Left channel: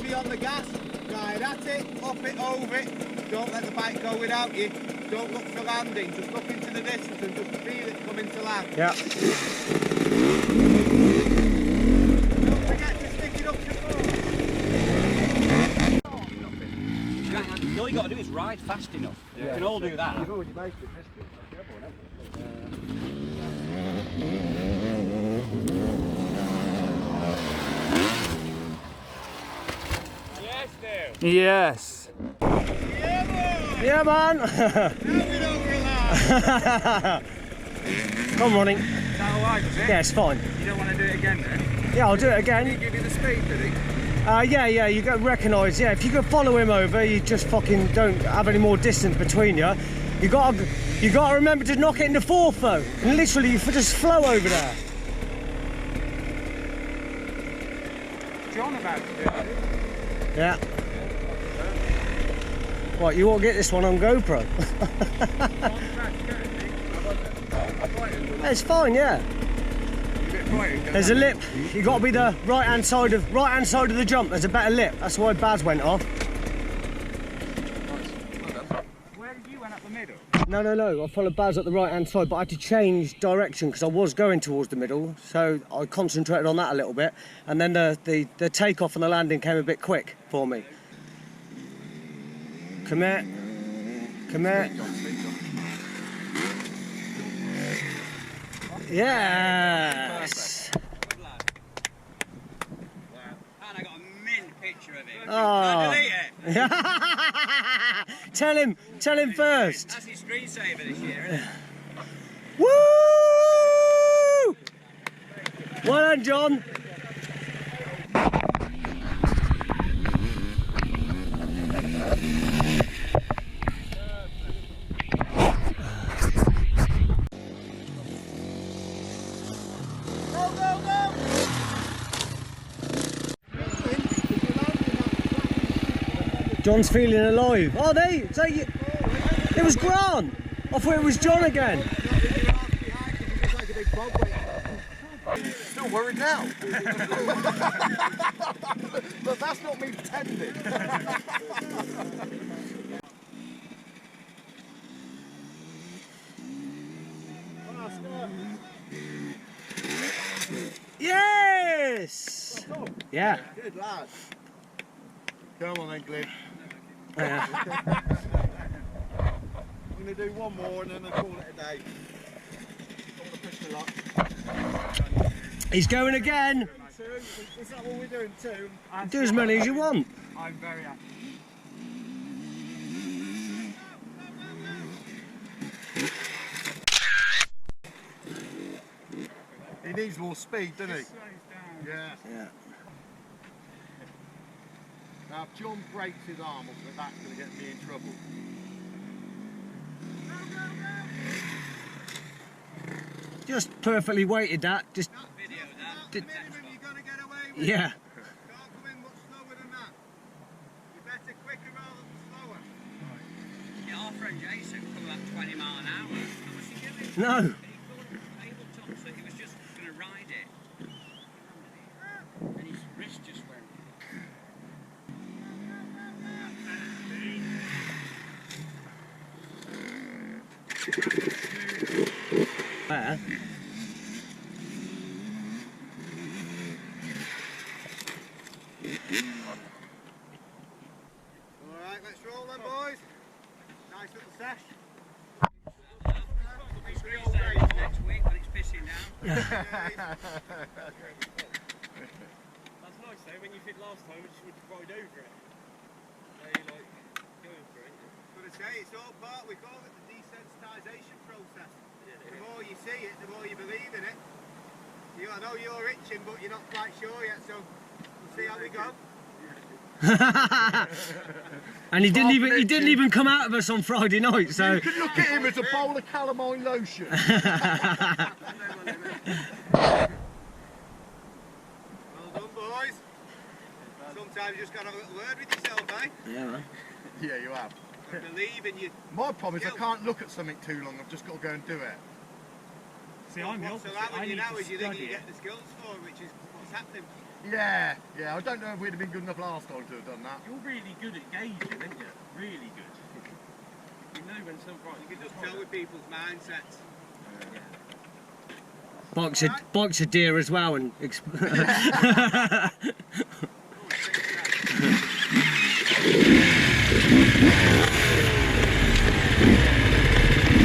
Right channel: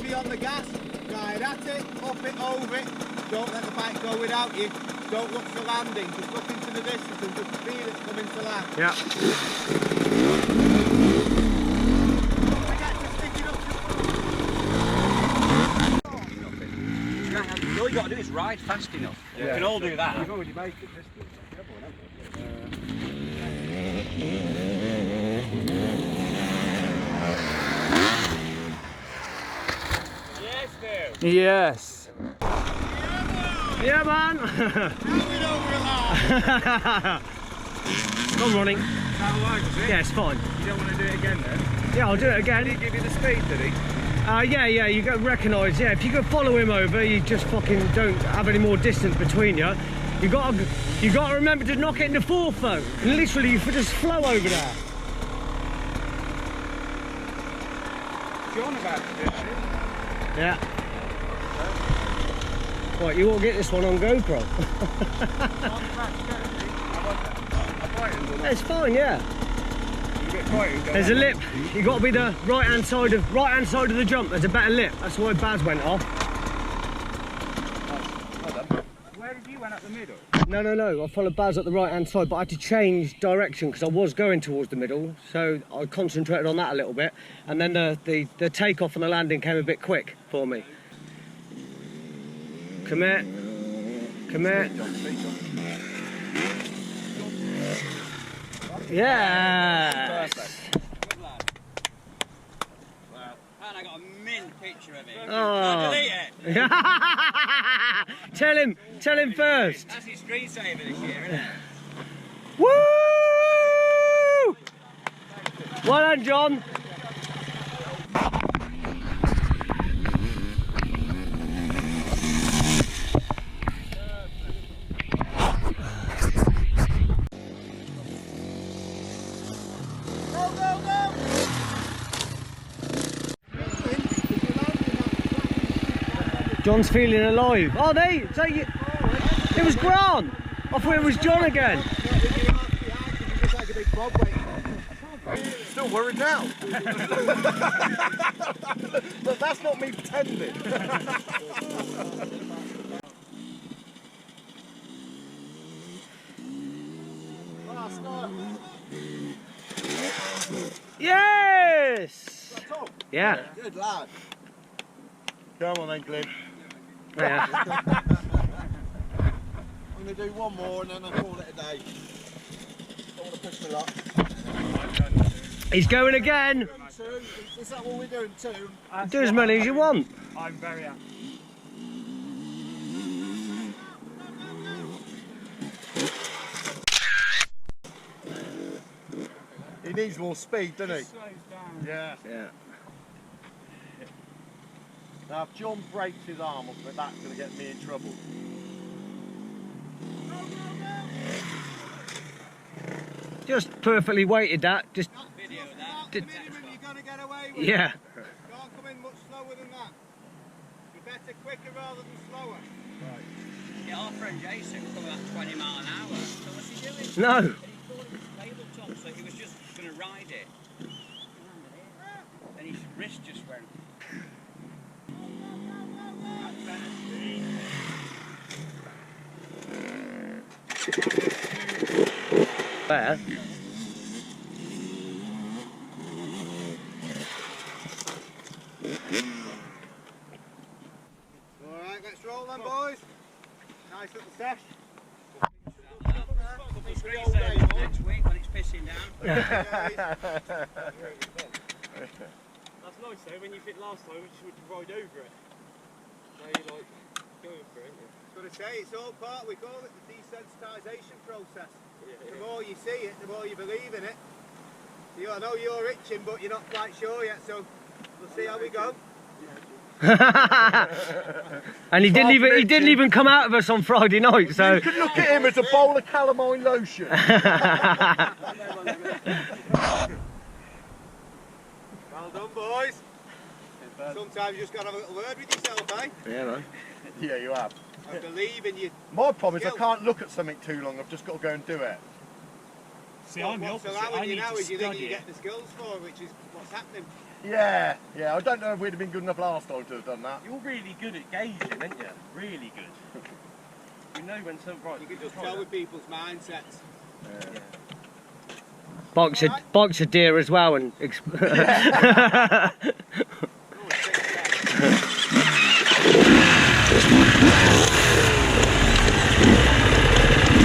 heavy on the gas, ride at it, up it, over it. Don't let the bike go without you. Don't look for landing, just look into the distance and just feel it coming to land. Yeah. Don't forget to stick it up your foot. All you got to do is ride fast enough. Yeah. We can all do that. You've already made the piston. Yes. Yeah, man. Come running. Is that alright, was it? Yeah, it's fine. You don't want to do it again then? Yeah, I'll do it again. Did he give you the speed, did he? Yeah, you got to recognise. Yeah, if you can follow him over, you just fucking don't have any more distance between you. You got to remember to knock it into fourth though, and literally you just flow over there. John about to do it. Yeah. Right, you won't get this one on GoPro. It's fine, yeah. There's a lip. You got to be the right hand side of the jump. There's a better lip. That's why BUZZZ went off. Where did you went up the middle? No. I followed BUZZZ at the right hand side, but I had to change direction because I was going towards the middle, so I concentrated on that a little bit, and then the takeoff and the landing came a bit quick for me. Come here. Yes. Good lad. Wow. And I got a mint picture of it. Oh. Delete it. Tell him first. That's his screensaver this year, isn't it? Woo! Well done, John. John's feeling alive. Oh, it was Grant. I thought it was John again. Still worried now. But that's not me pretending. Yes. Yeah. Good lad. Come on then, Glenn. Yeah. I'm going to do one more and then I'll call it a day. Don't want to push my luck. He's going again. Is that what we're doing too? Do as many as you want. I'm very happy. He needs more speed, doesn't he? Yeah. Now if John breaks his arm or something, that's going to get me in trouble. Just perfectly weighted that. Just. Video that. That's the minimum you've got to get away with. Yeah. Can't come in much slower than that. You're better quicker rather than slower. Right. Yeah, our friend Jason coming at 20 mile an hour. So what's he doing? No. And he thought it was tabletop, so he was just going to ride it. He landed it. And his wrist just went. There. Alright, let's roll then, boys. Nice little sesh. Next week when it's pissing down. That's nice though, when you hit last time, you just need to ride over it. Now you're like going for it, aren't you? Got to say, it's all part, we call it the desensitisation process. The more you see it, the more you believe in it. I know you're itching, but you're not quite sure yet, so we'll see how we go. And he didn't even come out of us on Friday night, so You could look at him as a bowl of calamine lotion. Well done, boys. Sometimes you just got to have a little word with yourself, eh? yeah, man. Yeah, you have. I believe in you. My problem is I can't look at something too long, I've just got to go and do it. See, I'm the What's opposite. allowing I you need now to is you think study you it. get the skills for, which is what's happening. Yeah, yeah. I don't know if we'd have been good enough last time to have done that. You're really good at gauging, aren't you? Really good. You know when something right. You can just tell with people's mindsets. Box a deer as well and.